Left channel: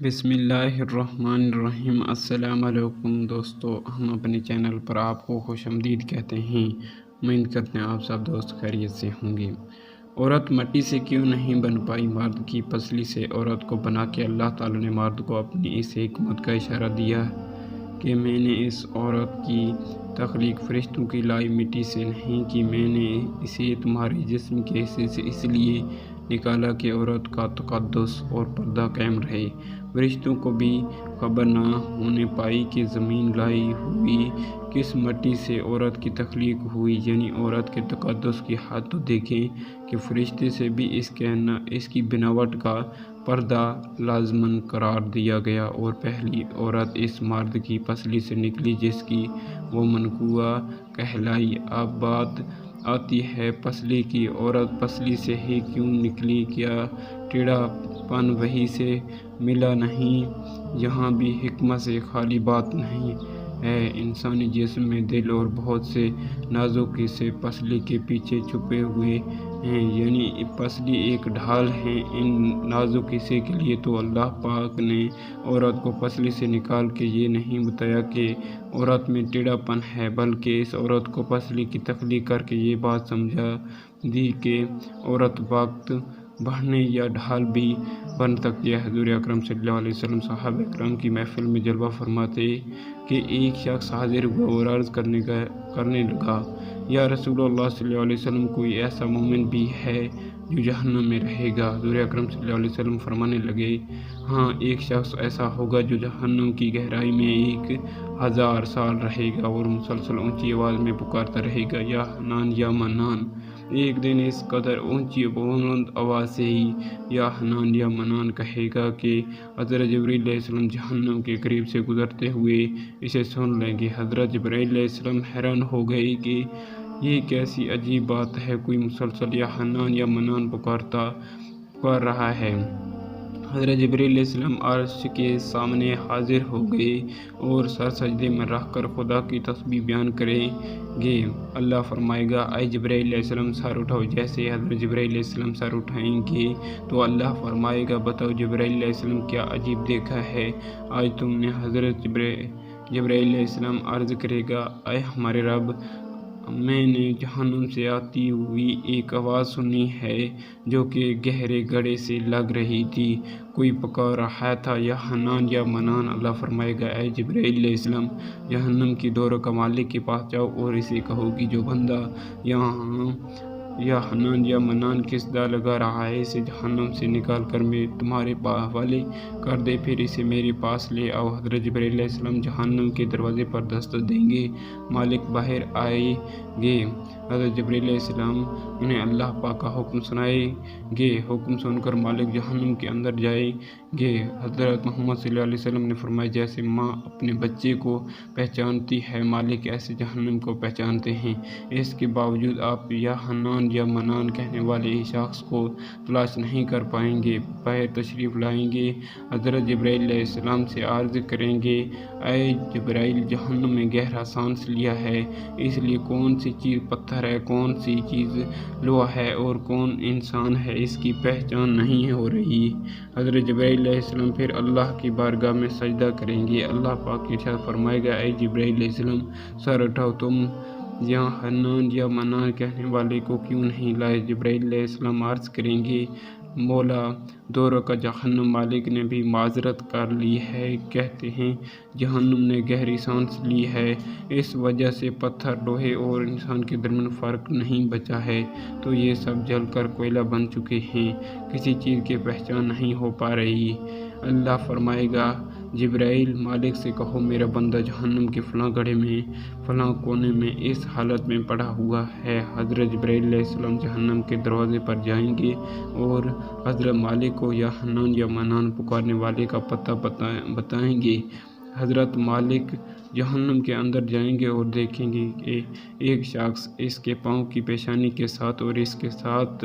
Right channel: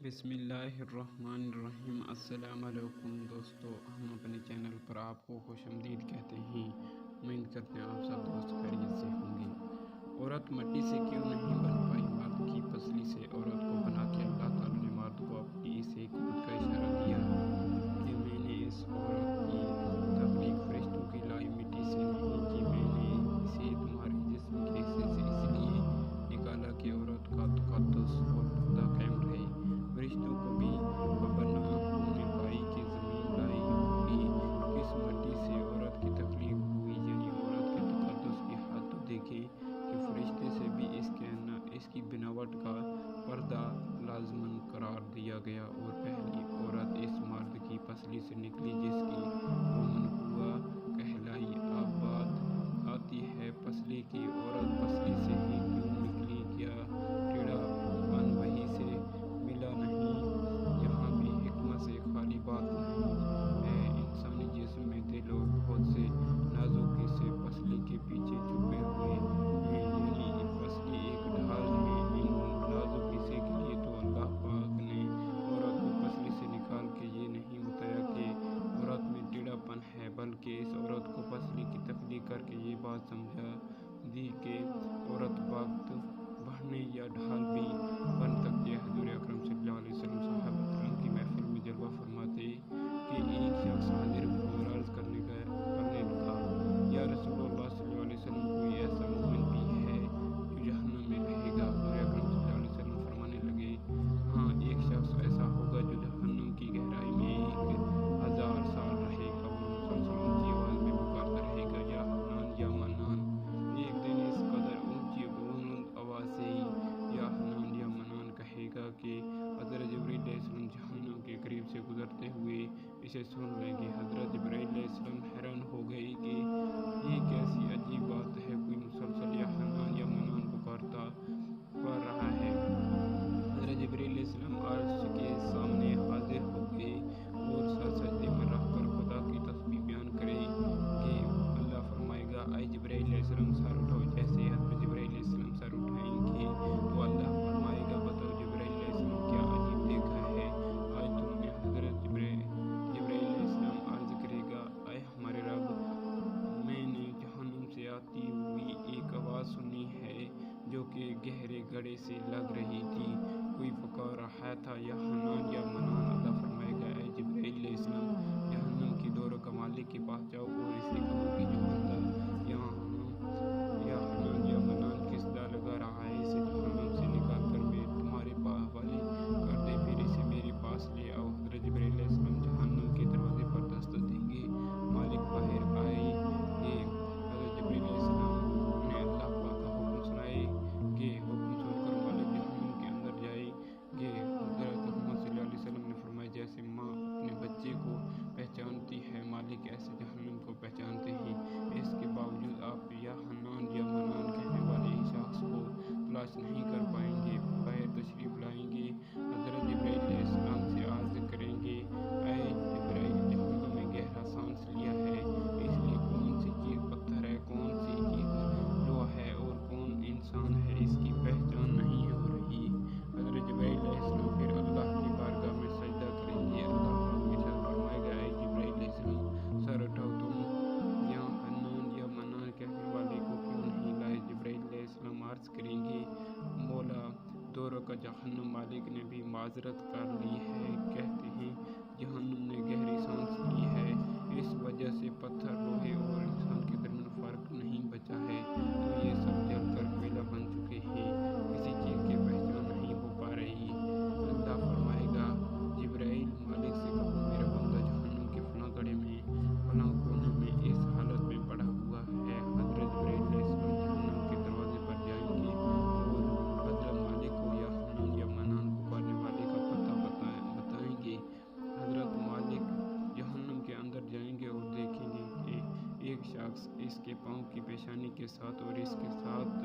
بسم اللہ الرحمن الرحیم۔ السلام علیکم دوستو، ہم اپنے چینل پر آپ کو خوش آمدید کہتے ہیں۔ امید کرتے ہیں آپ سب دوست خیریت سے ہوں گے۔ عورت مٹی سے کیوں نہیں بن پائی؟ مرد کی پسلی سے عورت کو بنا کے اللہ تعالیٰ نے مرد کو اپنی اس حکمت کا اشارہ دیا کہ میں نے اس عورت کی تخلیق فرشتوں کی لائی مٹی سے نہیں کی، میں نے اسے تمہارے جسم کے حصے سے اس لیے نکالا کہ عورت کا تقدس اور پردہ قائم رہے۔ فرشتوں کو بھی خبر نہ ہونے پائی کہ زمین لائی ہوئی کس مٹی سے عورت کی تخلیق ہوئی، یعنی عورت کے تقدس کی حد تو دیکھیں کہ فرشتے سے بھی اس کی بناوٹ کا پردہ لازماً قرار دیا گیا، اور پہلی عورت اس مرد کی پسلی سے نکلی جس کی وہ منقوہ کہلائی۔ اب بات آتی ہے پسلی کی۔ عورت پسلی سے ہی کیوں نکلی؟ کیا ٹیڑھا پن وہیں سے ملا نہیں؟ یہاں بھی حکمت سے خالی بات نہیں ہے۔ انسانی جسم میں دل اور بہت سے نازک حصے پسلی کے پیچھے چھپے ہوئے ہیں، یعنی پسلی ایک ڈھال ہے ان نازک حصے کے لیے۔ تو اللہ پاک نے عورت کو پسلی سے نکال کے یہ نہیں بتایا کہ عورت میں ٹیڑھا پن ہے، بلکہ اس عورت کو پسلی کی تخلیق کر کے یہ بات سمجھا دی کہ عورت وقت بڑھنے یا ڈھال بھی بن سکتی ہے۔ حضور اکرم صلی اللہ علیہ وسلم صحابہ کرام کی محفل میں جلوہ فرماتے کہ ایک شخص حاضر ہوا اور عرض کرنے لگا، یا رسول اللہ صلی اللہ علیہ وسلم، کوئی ایسا مومن بھی ہے جو جہنم میں رہے گا؟ حضور اکرم صلی اللہ علیہ وسلم فرمانے لگے، ہاں، ایک شخص ایسا ہوگا جو جہنم کی گہرائی میں 1000 سال رہے گا اور مسلسل اونچی آواز میں پکارتا رہے گا، یا حنان یا منان۔ ایک دن اس قدر اونچی بلند آواز سے ہی یا حنان یا منان کہے گا کہ حضرت جبرائیل علیہ السلام جہنم کے قریب سے گزرتے ہوئے اسے سن لیں گے۔ حضرت جبرائیل علیہ السلام حیران ہو گئے کہ یہ کیسی عجیب بات ہے، کوئی مسلسل یا حنان یا منان پکار رہا ہے۔ حضرت جبرائیل علیہ السلام عرش کے سامنے حاضر ہو گئے اور سر سجدے میں رکھ کر خدا کی تسبیح بیان کریں گے۔ اللہ فرمائے گا، اے جبرائیل علیہ السلام سر اٹھاؤ۔ جیسے ہی حضرت جبرائیل علیہ السلام سر اٹھائیں گے تو اللہ فرمائے گا، بتاؤ جبرائیل علیہ السلام کیا عجیب دیکھا ہے آج تم نے؟ حضرت جبرائیل علیہ السلام عرض کرے گا، اے ہمارے رب، میں نے جہنم سے آتی ہوئی ایک آواز سنی ہے جو کہ گہرے گڑھے سے لگ رہی تھی، کوئی پکار رہا تھا، یا حنان یا منان۔ اللہ فرمائے گا، اے جبرائیل علیہ السلام، جہنم کی دوروں کا مالک کے پاس جاؤ اور اسے کہو کہ جو بندہ یہاں یا حنان یا منان کس دا لگا رہا ہے، اسے جہنم سے نکال کر میں تمہارے حوالے کر دے، پھر اسے میرے پاس لے آؤ۔ حضرت جبرائیل علیہ السلام جہنم کے دروازے پر دستک دیں گے، مالک باہر آئیں گے۔ حضرت جبرائیل علیہ السلام انہیں اللہ پاک کا حکم سنائیں گے، حکم سن کر مالک جہنم کے اندر جائیں گے۔ حضرت محمد صلی اللہ علیہ وسلم نے فرمایا، جیسے ماں اپنے بچے کو پہچانتی ہے، مالک ایسے جہنم کو پہچانتے ہیں۔ اس کے باوجود آپ یا حنان یا منان کہنے والے شخص کو تلاش نہیں کر پائیں گے۔ باہر تشریف لائیں گے، حضرت جبرائیل علیہ السلام سے عرض کریں گے، اے جبرائیل، جہنم میں گہرا سانس لیا ہے، اس لیے کون سی چیز پتھر ہے، کون سی چیز لوہا ہے اور کون انسان ہے، اس کی پہچان نہیں ہو رہی۔ حضرت جبرائیل علیہ السلام پھر اللہ کی بارگاہ میں سجدہ کریں گے۔ اللہ پاک ارشاد فرمائے گا، اے جبرائیل علیہ السلام، سر اٹھاؤ، تم یہاں حنان یا منان کہنے والے کو کیوں نہیں لائے؟ جبرائیل علیہ السلام عرض کریں گے، مولا، دوروں کا جہنم مالک نے بھی معذرت کر لی ہے، کہتے ہیں جہنم نے گہری سانس لی ہے، اس وجہ سے پتھر، لوہے اور انسان کے درمیان فرق نہیں بچا ہے، تو یہ سب جل کر کوئلہ بن چکے ہیں، کسی چیز کی پہچان نہیں ہو پا رہی۔ اللہ فرمائے گا، جبرائیل، مالک سے کہو میرا بندہ جہنم کے فلاں گڑھے میں فلاں کونے میں اس حالت میں پڑا ہوا ہے۔ حضرت جبرائیل علیہ السلام جہنم کے دروازے پر جائیں گے اور حضرت مالک کو یا حنان یا منان پکارنے والے کا پتہ بتائیں گے۔ حضرت مالک جہنم کے اندر جائیں گے اور دیکھیں گے کہ ایک شخص اس کے پاؤں کی پیشانی کے ساتھ اور اس کے ساتھ